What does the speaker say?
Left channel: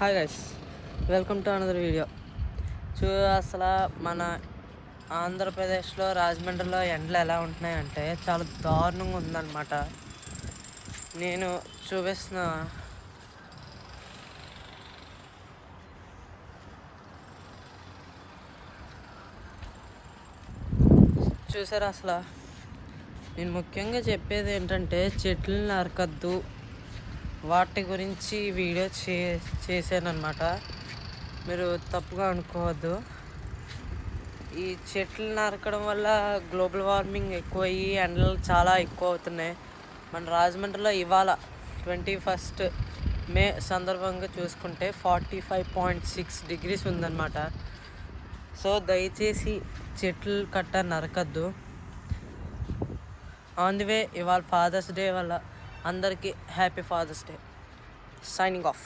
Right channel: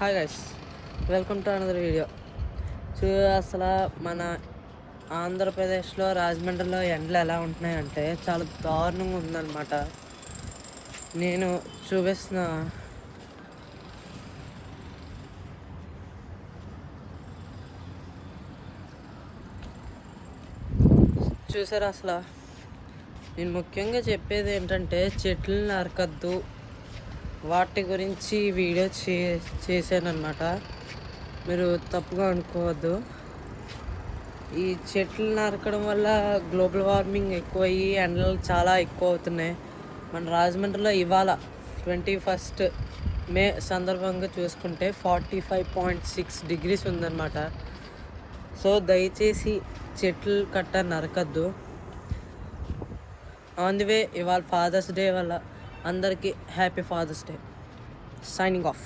Hi guys, welcome to another video. అసలు మన ఆంధ్రప్రదేశ్లో రాజమండ్రిలో ఎండలు ఎలా ఉంటున్నాయంటే చాలా దారుణంగా ఉందన్నమాట. నేను చూపిస్తున్న చూసారా. అసలు నేను ముఖ్యంగా చెప్పేది ఏంటంటే చెట్లు నరకద్దు, వాటి గురించి వీడియో చేశానమాట. మీరు తప్పుగా అనుకోవద్దు. ఈ చెట్లు నరకడం వల్ల గ్లోబల్ వార్మింగ్ ఎక్కువయ్యి ఎండలు చాలా ఎక్కువ అవుతున్నాయి. మన రాజమండ్రిలో ఇవాళ 21 మే సందర్భంగా చూసుకుంటే 45.6 degrees ఉందన్నమాట. సో దయచేసి చెట్లు కట్ట నరకద్దు. ఆన్ ది వే ఇవాళ ఫాదర్స్ డే వల్ల అందరికీ happy Father's Day. Signing of.